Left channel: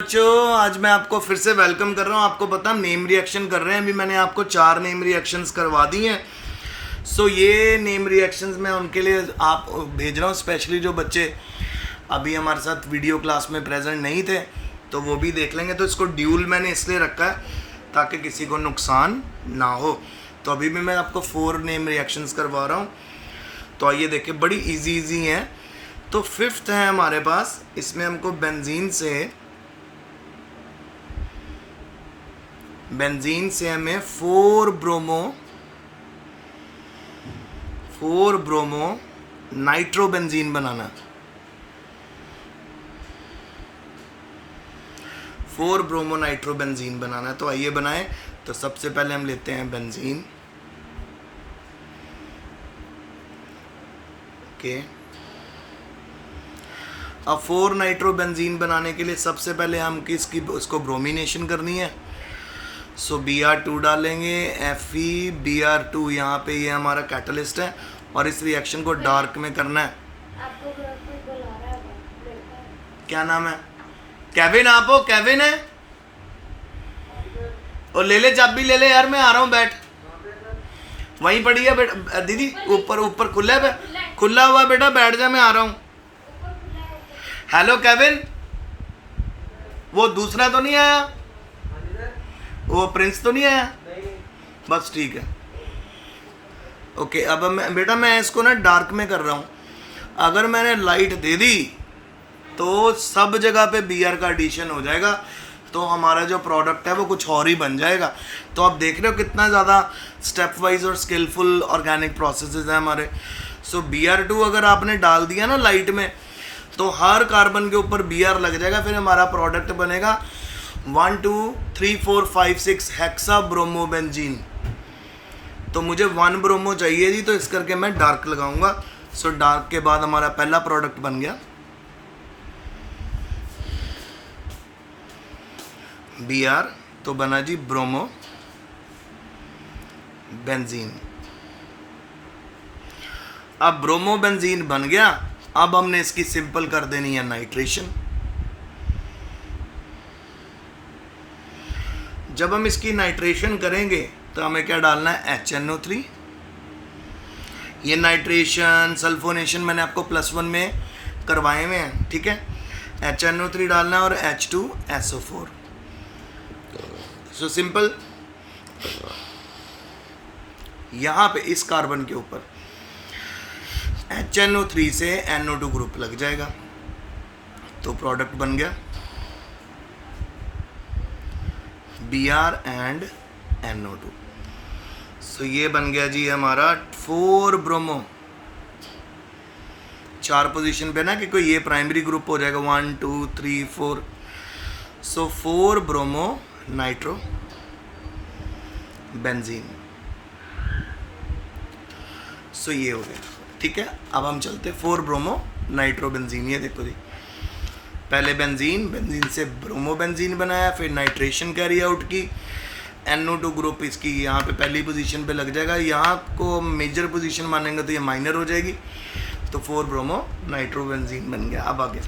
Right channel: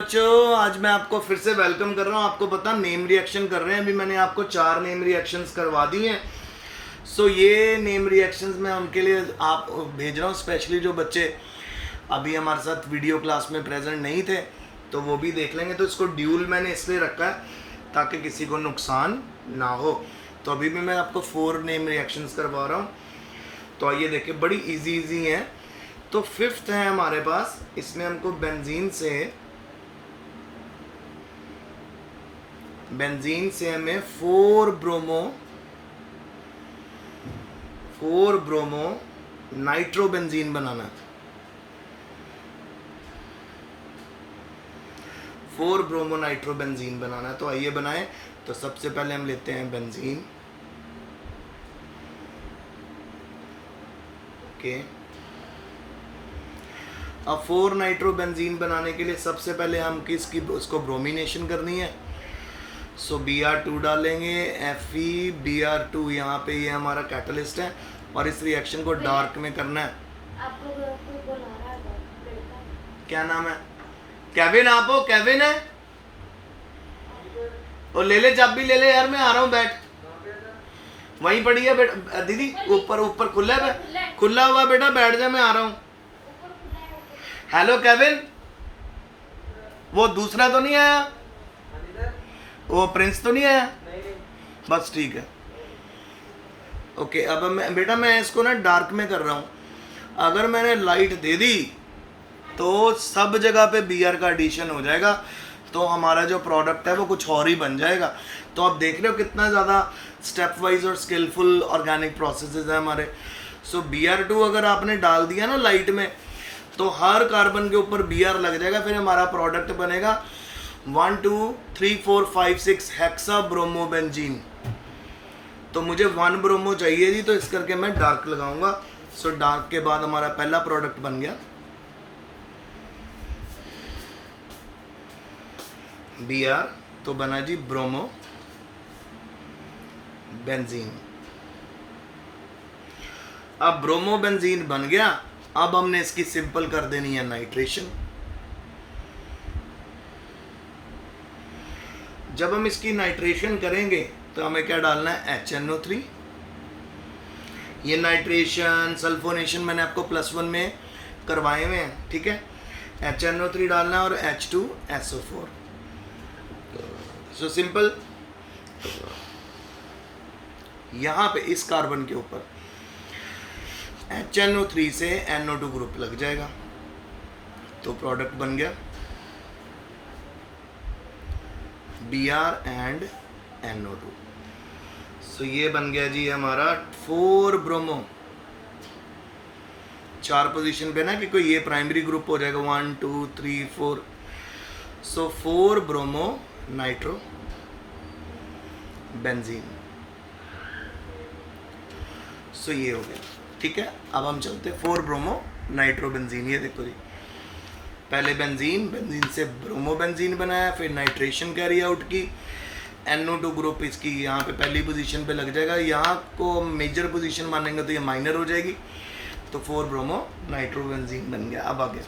बच्चों, आज मैं आपको फिर से वेलकम कर रहा हूँ। आपको पता नेम रिएक्शन कर रहे हैं। अभी मैंने आपको 4 नेम रिएक्शंस करवा दी हैं। सो ये नेम रिएक्शंस मैं उनके लिए आप भेज रहा हूँ, स्पेशली जो बच्चे अभी हमारे साथ वीडियो क्लास में प्रेजेंट नहीं थे तो वो भी देख लेंगे। तो इसको ड्यूल मैंने इसलिए रखा है ताकि किसी को नुकसान ना हो। तो अभी भी मैं आपको 4 नेम रिएक्शंस करवा रहा हूँ। तो आइए देखें, बड़ी इजी हैं। तो 5th है हमारे पास, इसमें हमको बेंजीन से हमें 4 ब्रोमो नाइट्रोबेंजीन बनाना है। 4 ब्रोमो नाइट्रोबेंजीन बनाना है। तो आइए बनाएं। तो सबसे पहले हम लेते हैं बेंजीन। ओके, अब 4 नाइट्रोबेंजीन बनाने के लिए सबसे पहले हम उसको ब्रोमिनेशन करनी है। सो Br2 डालेंगे, FeBr2। यहाँ पे ये हमारा कैटलिस्ट है और इस रिएक्शन को डार्क में करना है। आपको कोई बुला रहा है, लड़का है। क्या नाम है? केविन। आप हो? केविन है? और ले ले चाबी, ले ले यार, मैं आ रहा हूँ। बैठ, वहीं पड़ी है दीदी, ऊपर खुला है, खुला हुआ बेटा, बैठ जा, मैं आ रहा हूँ। हेलो केविन, वो दूसरा तो नहीं आया? वो प्रिंस तो नहीं आया? बस ठीक है। ओके, अब मैं इसको ना डार्क में कर रहा हूँ। अगर मैंने लाइट दे दी तो सब जगह पे बीआर का एडिशन हो जाएगा, तो हमारा जो प्रोडक्ट है वो कुछ और ही बन जाएगा। तो आप देख रहे हो कितना ज़्यादा स्टेप वाइज और स्किलफुल ऑर्गेनिक प्रोसेसेस हैं हमारे। सो Br2 अगर आपने डाल दिया ना लाइट में, तो हर कार्बन के ऊपर Br लग जाएगा। फिर हमारा प्रोडक्ट बनेगा 1 2 3 4 5 6 हेक्सा ब्रोमोबेंजीन। तो मुझे 1 ब्रोमो चाहिए जी, तो इस करके मैं डार्क लगाऊंगा। सो डार्क के बाद हमारा पहला प्रोडक्ट बन गया Br, तो बना जी ब्रोमो बेंजीन। अब ब्रोमो बेंजीन बन गया। अब हमने इसकी सिंपल कर देनी है नाइट्रेशन। जब हम इसकी नाइट्रेशन करेंगे तो हमें क्या डालना है? HNO3। ये नाइट्रेशन सल्फोनेशन मैंने आपको +1 में करवाए हुए हैं, ठीक है। HNO3 डालना है और H2SO4। सो सिंपल, यहाँ पे इस कार्बन के ऊपर HNO3 से NO2 ग्रुप लग जाएगा, तो प्रोडक्ट बन गया Br एंड NO2। सो ये बन गया जी हमारा 4 ब्रोमो। 4 पोजीशन पे ना, कि कोई ये प्राइमरी ग्रुप हो जाएगा 1 2 3 4। सो 4 ब्रोमो नाइट्रो बेंजीन। सो ये हो गया, ठीक है। अब हम चलते 4 ब्रोमो नाइट्रो बेंजीन। ये देखो जी, पहले बेंजीन से ब्रोमो बेंजीन बनाया, फिर नाइट्रेशन कैरी आउट की, NO2 ग्रुप इसकी यहाँ पे पहली पोजीशन पे लग जाएगा। यहाँ को मेजर पोजीशन मानेंगे तो ये माइनर हो जाएगी। तो 4 ब्रोमो नाइट्रो बेंजीन बन गया। अब आगे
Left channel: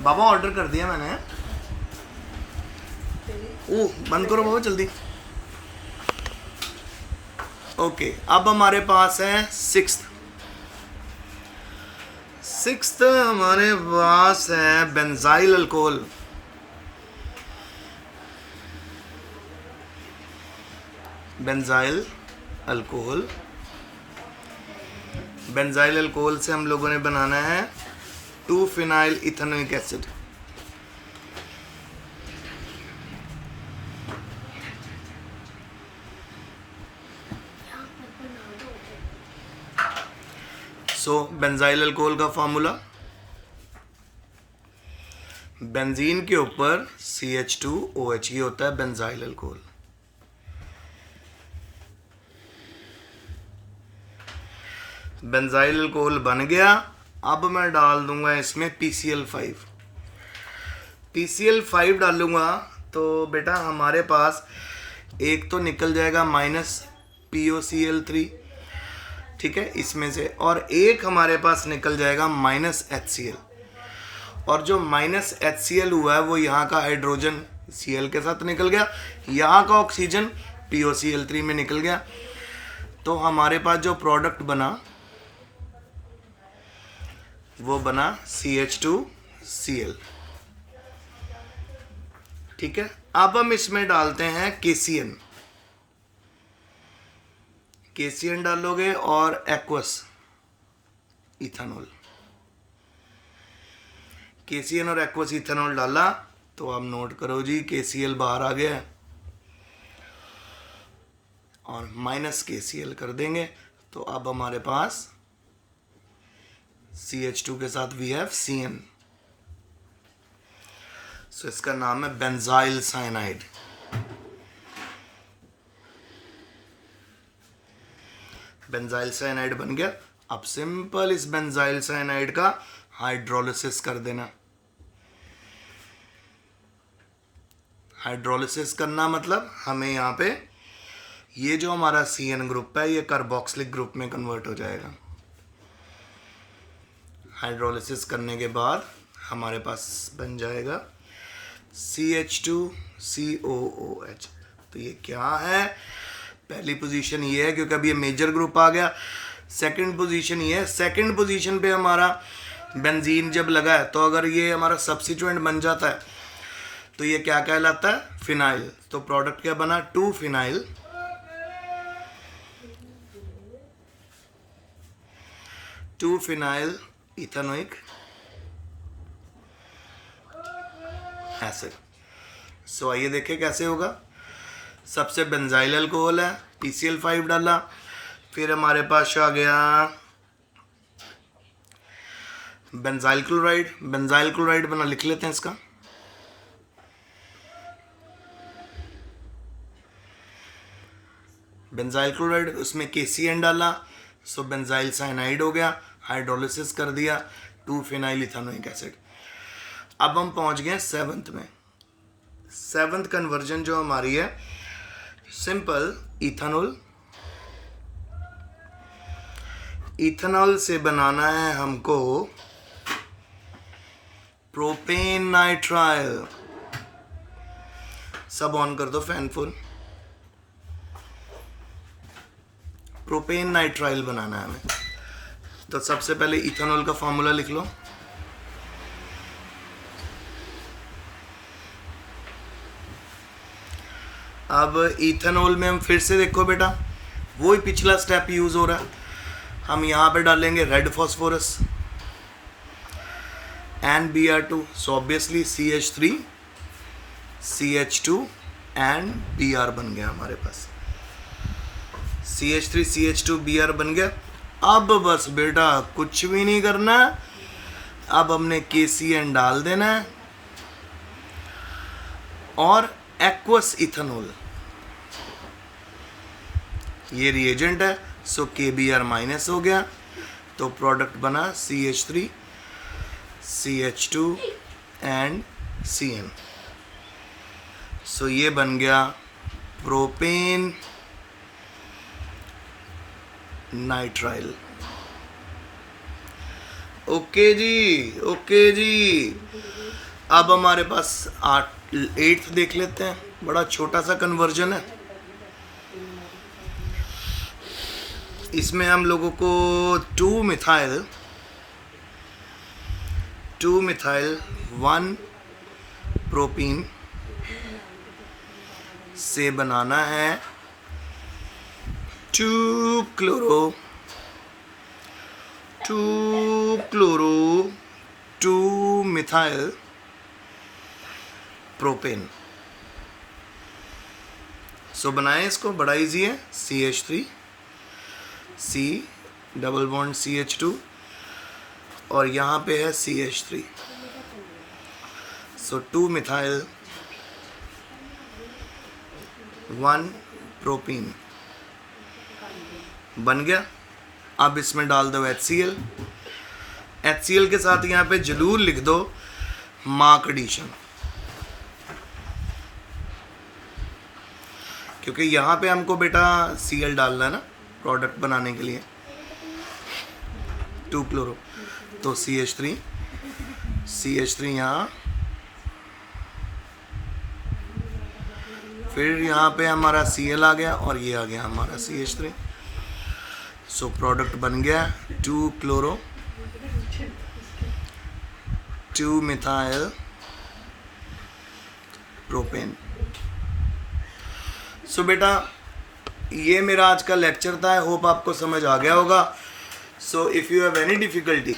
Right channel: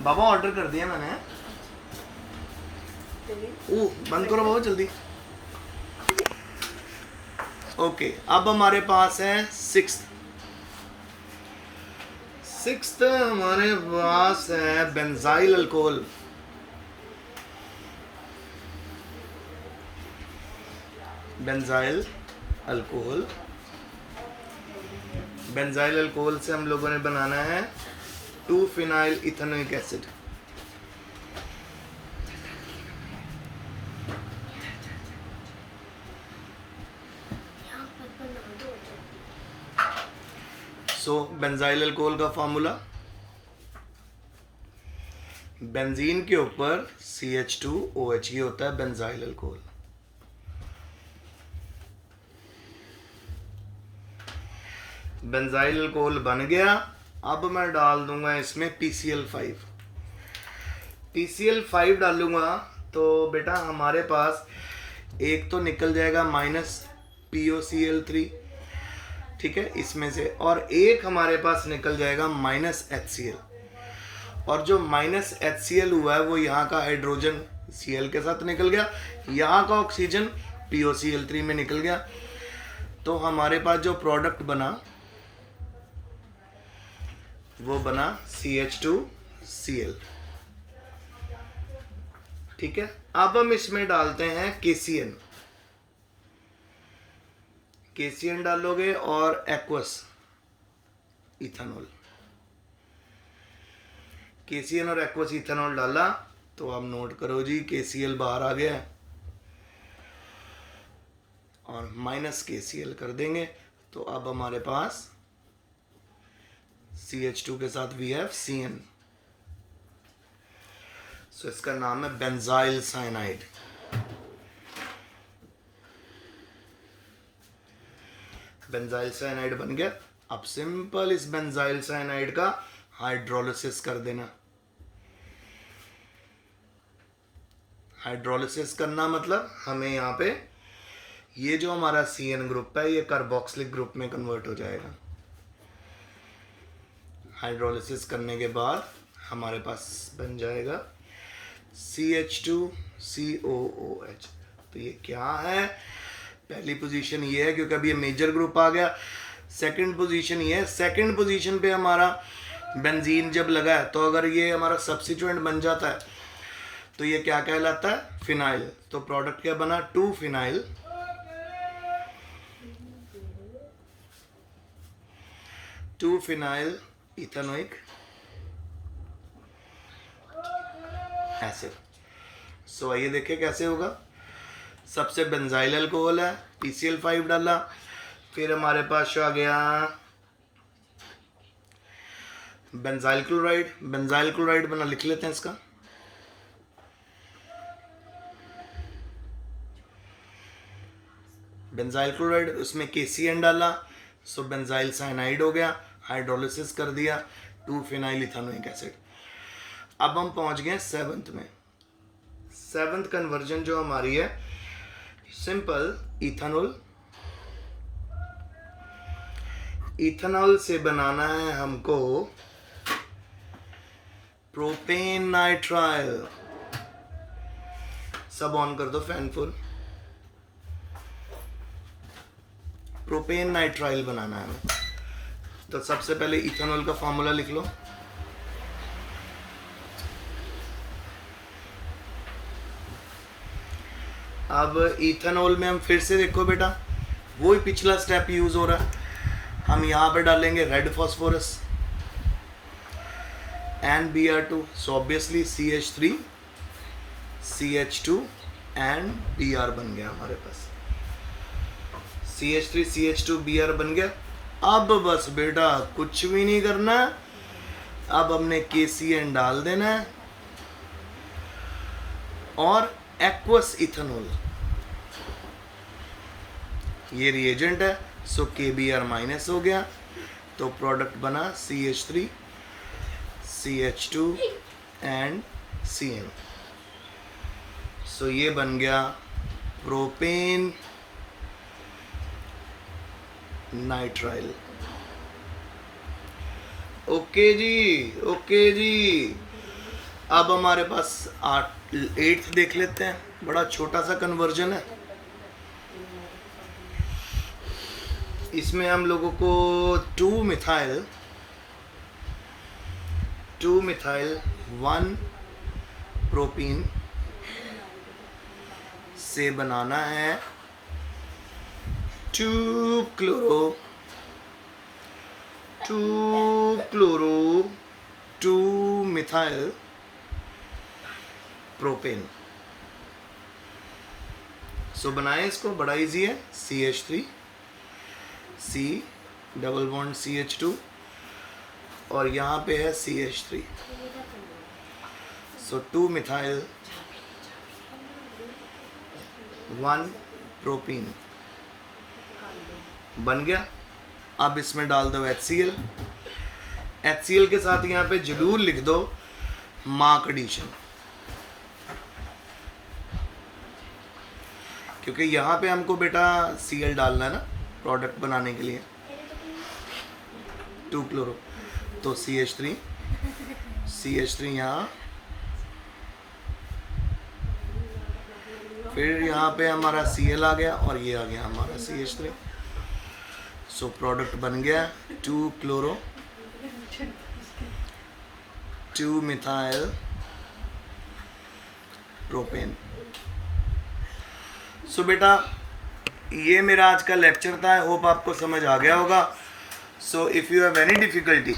बाबा ऑर्डर कर दिया मैंने। ओ बंद करो बाबा जल्दी। ओके, अब हमारे पास है 6th हमारे पास है बेंजाइल अल्कोहल। बेंजाइल अल्कोहल से हम लोगों ने बनाना है 2-फिनाइल इथेनोइक एसिड। सो बेंजाइल अल्कोहल का फार्मूला, बेंजीन के ऊपर CH2OH, ये होता है बेंजाइल अल्कोहल। बेंजाइल अल्कोहल बन गया। अब मैं डाल दूंगा इसमें PCl5 डालूंगा तो बेटा हमारे पास एक तो निकल जाएगा -POCl3, ठीक है, इसमें से, और एक हमारे पास निकल जाएगा -HCl, और जो -HCl हुआ है वो यहाँ का हाइड्रोजन Cl के साथ निकल गया, यहाँ का ऑक्सीजन POCl3 में निकल गया। तो हमारे पास जो प्रोडक्ट बना वो बना CH2Cl। ठीक है, अब हम इसमें डालते हैं KCN। KCN डालोगे और एक्वस इथेनॉल, KCN और एक्वस इथेनॉल डाला तो आप नोट करो जी, KCl बाहर आ गया और -KCl कर देंगे, तो अब हमारे पास CH2 के साथ we have CN। सो इसका नाम है बेंजाइल साइनाइड। बेंजाइल साइनाइड बन गया। अब सिंपल इस बेंजाइल साइनाइड का हाइड्रोलिसिस कर देना। हाइड्रोलिसिस करना मतलब हमें यहाँ पे ये जो हमारा CN ग्रुप है ये कार्बोक्सिलिक ग्रुप में कन्वर्ट हो जाएगा। हाइड्रोलिसिस करने के बाद हमारे पास बन जाएगा CH2COOH। तो ये क्या है, पहली पोजीशन ये है क्योंकि अभी ये मेजर ग्रुप आ गया। सेकंड पोजीशन ये है, सेकंड पोजीशन पे हमारा बेंजीन जब लगा है तो अगर ये हमारा सब्स्टिट्यूएंट बन जाता है तो ये क्या कहलाता है, फिनाइल। तो प्रोडक्ट क्या बना, 2-फिनाइल, 2-फिनाइल इथेनोइक एसिड। सो आइए देखें कैसे होगा। सबसे बेंजाइल अल्कोहल है, PCl5 डाला, फिर हमारे पास आ गया बेंजाइल क्लोराइड। बेंजाइल क्लोराइड बना, लिख लेते हैं इसका, बेंजाइल क्लोराइड, उसमें KCN डाला, सो बेंजाइल साइनाइड हो गया, हाइड्रोलिसिस कर दिया, 2-फिनाइल इथेनोइक एसिड। अब हम पहुंच गए 7th में। 7th कन्वर्जन जो हमारी है, सिंपल इथेनॉल, इथेनॉल से बनाना है हमको प्रोपेन नाइट्राइल। सब ऑन कर दो फैन फुल। प्रोपेन नाइट्राइल बनाना है हमें, तो सबसे पहले इथेनॉल का फॉर्मूला लिख लो। अब इथेनॉल में हम फिर से देखो बेटा, वो ही पिछला स्टेप यूज हो रहा है। हम यहाँ पे डालेंगे red phosphorus and Br2, so obviously CH3 CH2 and Br बन गया हमारे पास। CH3 CH2 Br बन गया। अब बस बेटा कुछ भी नहीं करना, अब हमने KCN डाल देना है और एक्वस इथेनॉल, ये रिएजेंट है, सो KBr माइनस हो गया, तो प्रोडक्ट बना CH3 CH2 एंड CN। सो ये बन गया प्रोपेन नाइट्राइल। ओके जी, ओके जी। अब हमारे पास 8th देख लेते हैं, बड़ा छोटा सा कन्वर्जन है। इसमें हम लोगों को 2-मिथाइल 1-प्रोपीन से बनाना है 2-मिथाइल प्रोपेन। सो बनाएं इसको, बड़ा इजी है, CH3 C double bond CH2 और यहाँ पे है CH3, सो 2-मिथाइल 1-प्रोपीन बन गया। अब इसमें डाल दो HCl, HCl के साथ यहाँ पे जरूर लिख दो मार्क एडिशन, क्योंकि यहाँ पे हमको बेटा Cl डालना है ना प्रोडक्ट बनाने के लिए। 2 क्लोरो, तो CH3 यहाँ, फिर यहाँ पे हमारा Cl आ गया और ये आ गया हमारा CH3। सो प्रोडक्ट बन गया 2 क्लोरो 2 मिथाइल प्रोपेन। सो बेटा ये मेरा आज का लेक्चर था, आई होप आपको समझ आ गया होगा। So if you have any difficulty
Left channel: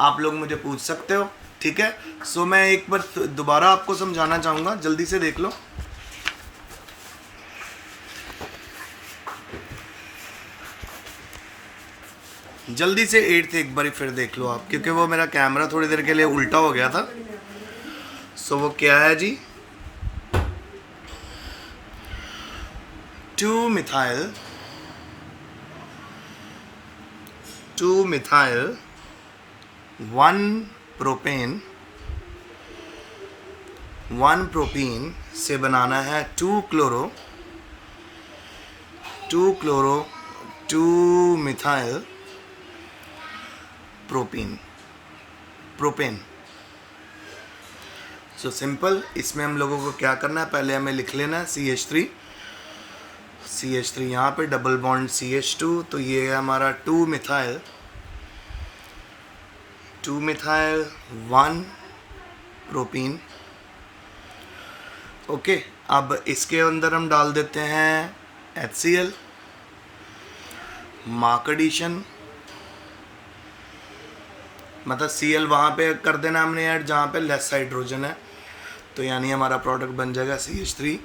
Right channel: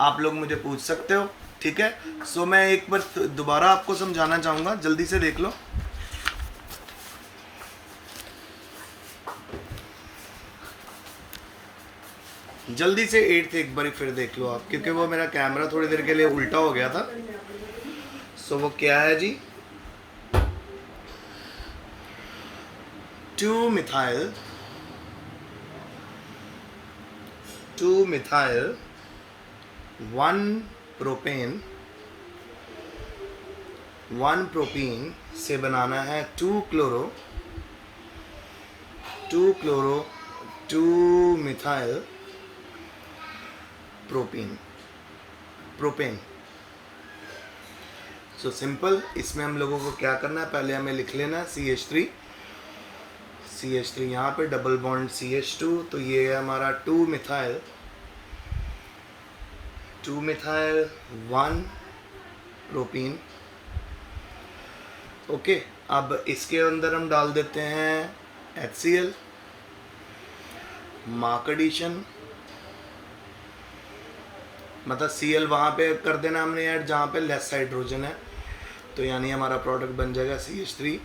आप लोग मुझे पूछ सकते हो, ठीक है। सो मैं एक बार दोबारा आपको समझाना चाहूँगा, जल्दी से देख लो। जल्दी से 8th एक बार फिर देख लो आप, क्योंकि वो मेरा कैमरा थोड़ी देर के लिए उल्टा हो गया था। सो वो क्या है जी, 2 मिथाइल 1 प्रोपेन 1 प्रोपीन से बनाना है 2 chloro 2 methyl propane. So simple, इसमें हम लोगों को क्या करना है, पहले हमें लिख लेना है CH3 यहाँ पे डबल बॉन्ड CH2, तो ये है हमारा 2 मिथाइल 1 प्रोपीन। ओके, अब इसके अंदर हम डाल देते हैं HCl, मार्क एडिशन, मतलब Cl वहाँ पे कर देना हमने ऐड जहाँ पे लेस हाइड्रोजन है, तो यानी हमारा प्रोडक्ट बन जाएगा CH3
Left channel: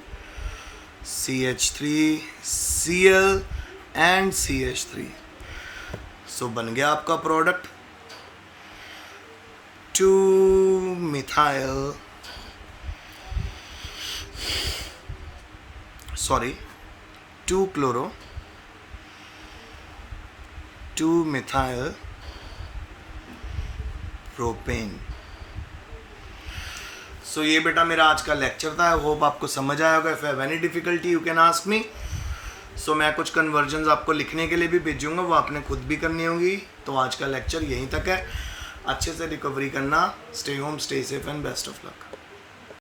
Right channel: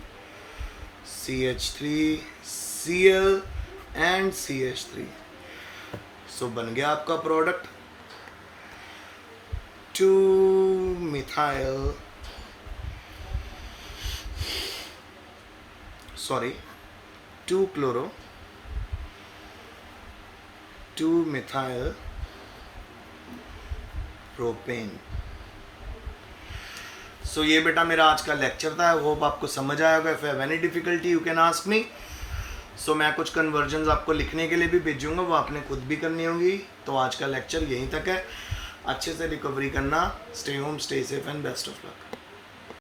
Cl एंड CH3। सो बन गया आपका product 2 methyl 2 chloro 2 methyl propane. So ये बेटा मेरा आज का लेक्चर था, आई होप आपको समझ आया होगा। If you have any difficulty you can ask me. So मैं कुछ कन्वर्जन्स आपको लिखने के लिए भी भेजूंगा, वो आपने खुद भी करनी होंगी। तो आज का लेक्चर यहीं तक है, अच्छे से रिकवरी करना, stay home, stay safe and best of luck.